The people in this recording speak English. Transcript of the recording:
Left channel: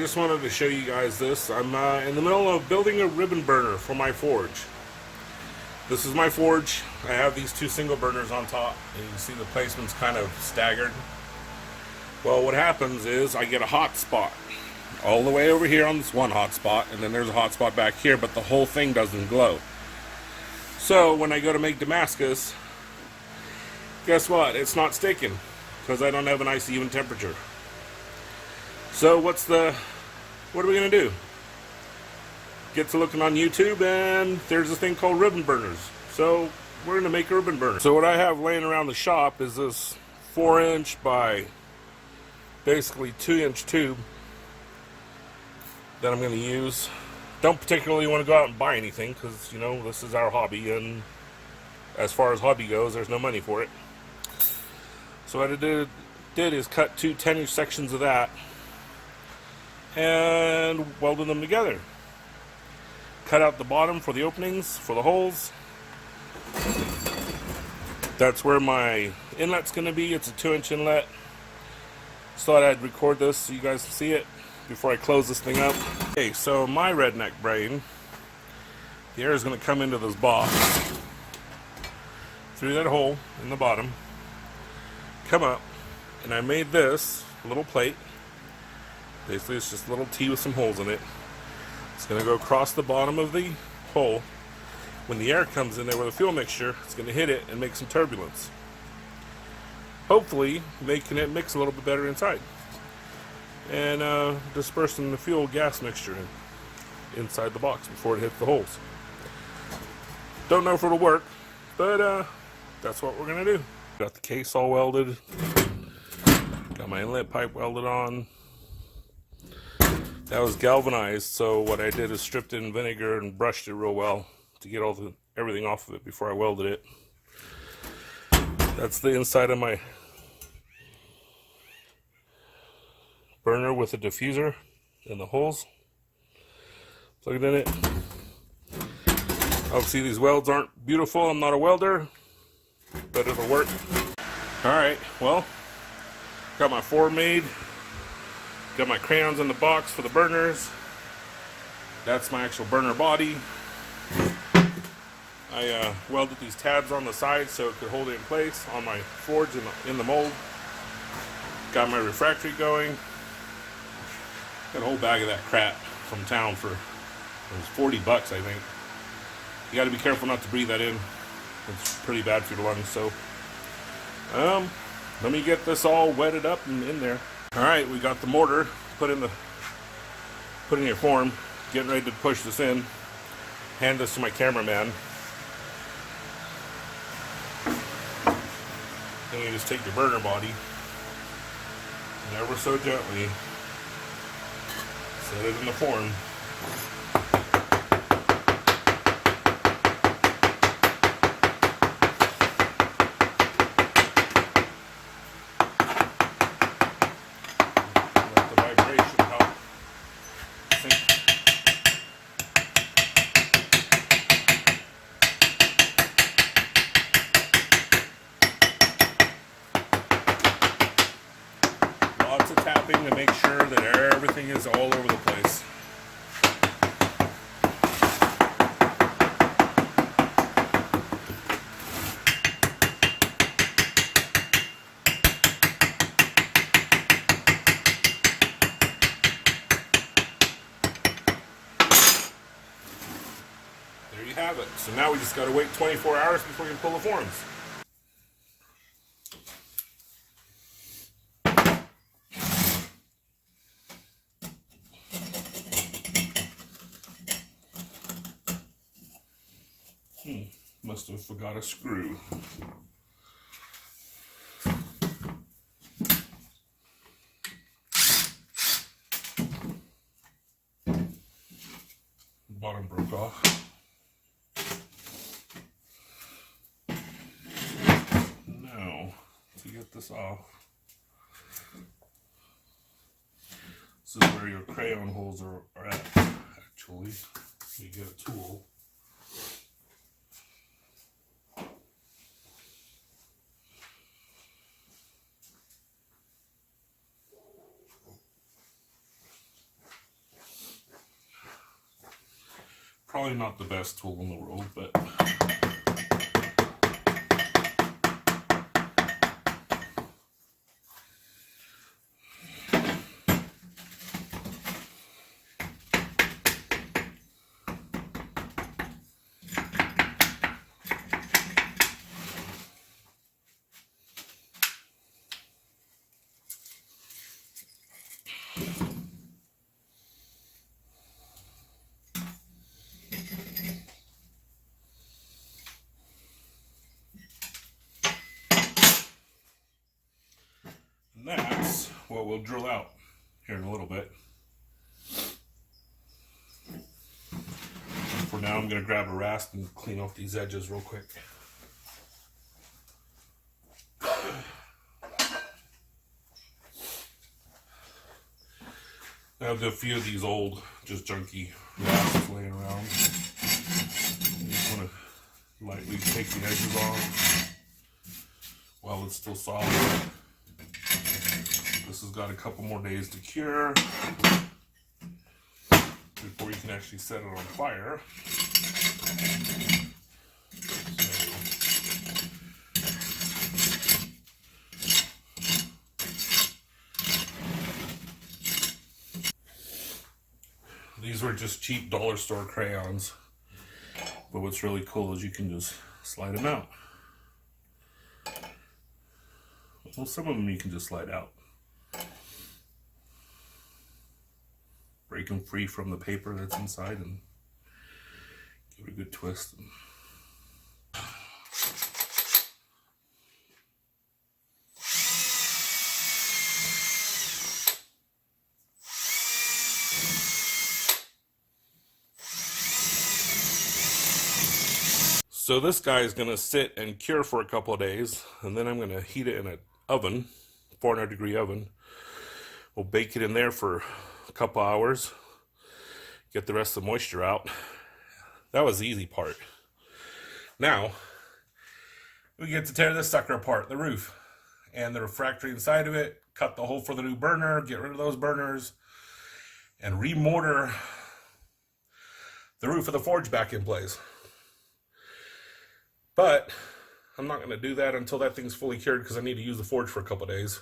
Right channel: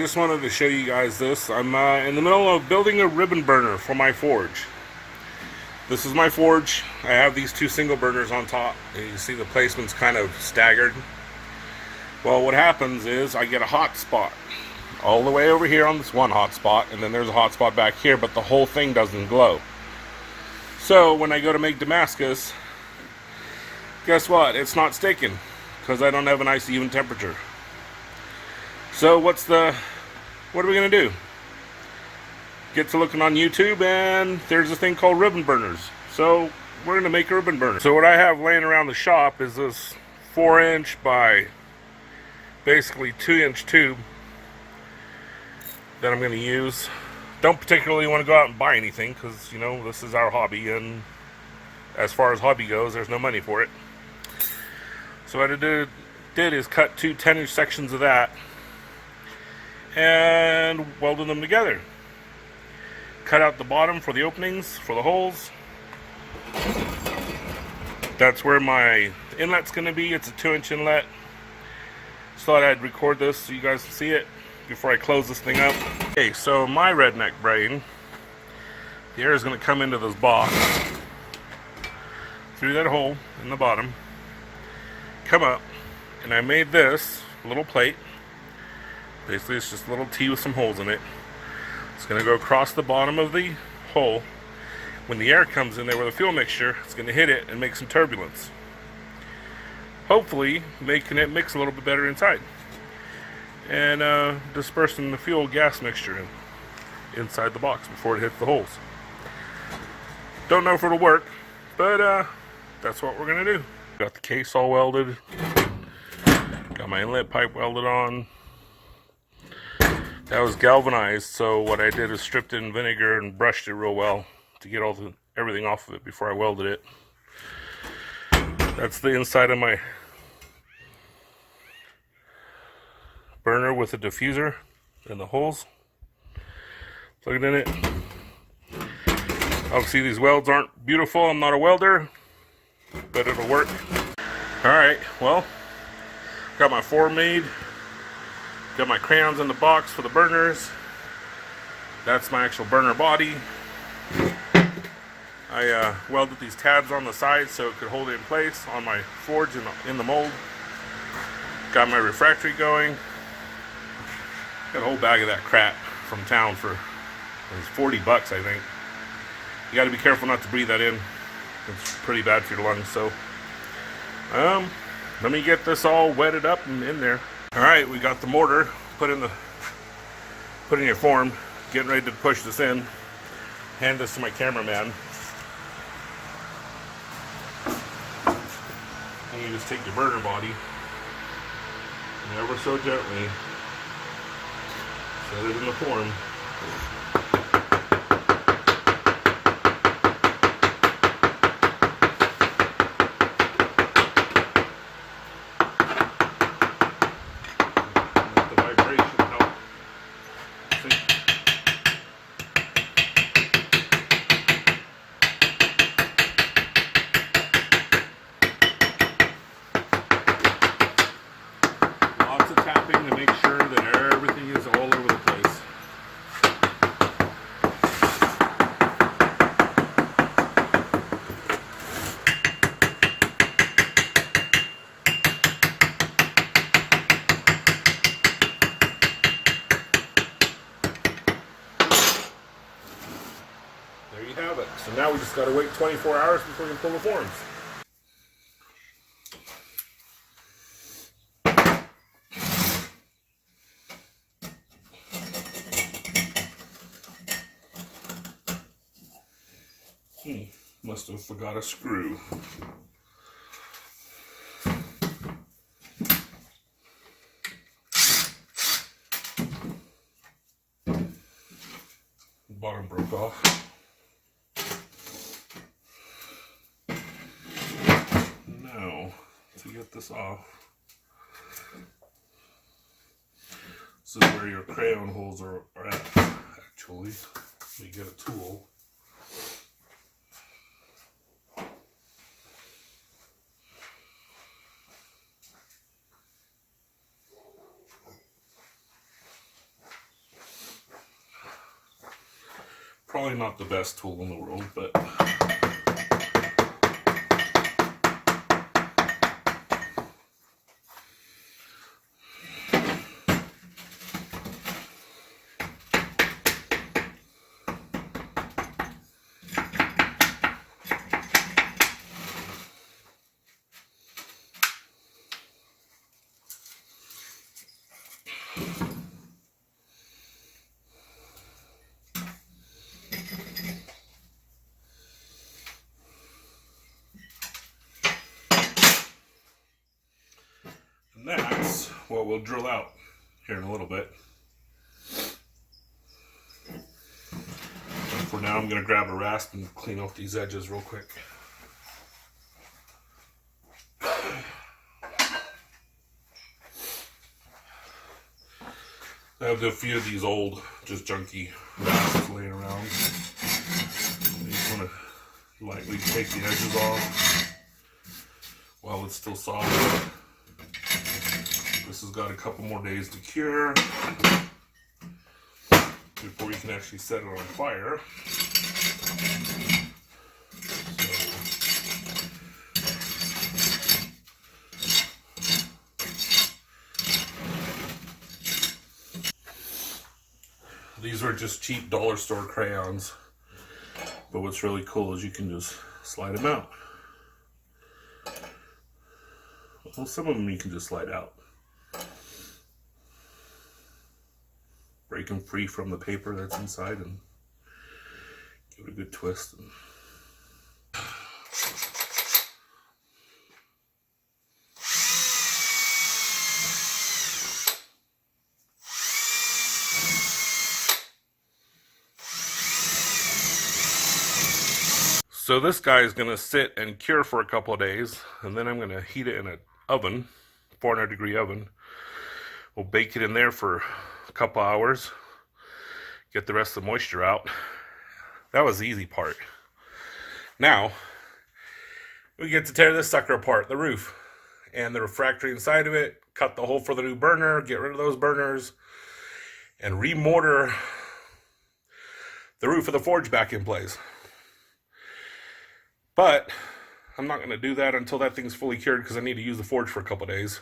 Just wanted to show you guys this. I'm in the middle of building a ribbon burner for my forge. This is my forge. I have these two single burners on top. And you see the placement's kind of staggered. Well, what happens is I get a hot spot all the way over here on this one hot spot, and then there's a hot spot back here, but the whole thing doesn't glow. So when I go to make Damascus, guess what? It's not sticking because I don't have a nice even temperature. So what are we going to do? Get to looking on YouTube, and there's a thing called ribbon burners. So we're going to make a ribbon burner. So what I have laying around the shop is this 4-inch by basically 2-inch tube that I'm going to use. Don't particularly want to go out and buy anything because, you know, this is our hobby, and as far as hobby goes, there's no money for it. So what I did is cut two 10-inch sections of that and welded them together. Cut out the bottom for the openings, for the holes. That's where my inlet's going to be. It's a 2-inch inlet. Just thought I'd record this so you guys can see it before I close this thing up. Okay, so my redneck brain, the air is going to come into this box through that hole in the bottom, come up, and I made this little plate. Basically, it's just a little T with some holes in it. It's going to go across the bottom of the hole. When the air comes in there with a fuel mixture, it's going to hit it and make some turbulence. Hopefully, making it mix a little bit better inside. And dispersing the fuel gas mixture inside the box before it hits the holes. Don't know if it'll work, but that's what we're going to do. Got the case all welded. Got my inlet pipe welded on. That was galvanized, so what I did is stripped it in vinegar and brushed it real well to get everything off of it before I welded it. That's the inside of my burner with a diffuser and the holes. Plug it in it. Obviously these welds aren't beautiful. I'm not a welder, but it'll work. Alright, well, got my form made. Got my crayons in the box for the burners. That's my actual burner body. I welded these tabs on the side so it could hold it in place on my forge in the mold. Got my refractory going. Got a whole bag of that crap from town for, it was 40 bucks, I think. You got to be careful not to breathe that in. It's pretty bad for your lungs. So let me get this all wetted up and in there. Alright, we got the mortar put in your form, getting ready to push this in. Hand this to my cameraman. And you just take your burner body and ever so gently set it in the form. Lots of tapping to make sure that everything is all over the place. There you have it. So now we just got to wait 24 hours before we can pull the forms. Must have forgot a screw. The bottom broke off. Now, to get this off, this is where your crayon holes are at, actually. You get a tool. Probably not the best tool in the world, but and that's what we'll drill out here in a little bit. And for now, I'm going to grab a rasp and clean off these edges real quick. I have a few of these old, just junky rasps laying around. You just want to lightly take the edges off while it's still soft. This has got a couple more days to cure before you can actually set it on fire. These are just cheap dollar store crayons, but what's really cool is you can just slide them out. Well, some of them you can just slide out. Break them free from the paper that's inside and give it a good twist. So this guy is going to sit and cure for a couple of days, and then I'm going to heat it in an oven, 400-degree oven. We'll bake it in there for a couple hours, get the rest of the moisture out. That was the easy part. Now, we get to tear this sucker apart, the roof, and the refractory inside of it, cut the hole for the new burner, get rid of those burners, and remortar the roof of the forge back in place. But I'm not going to do that until that thing's fully cured because I need to use the forge for a couple days.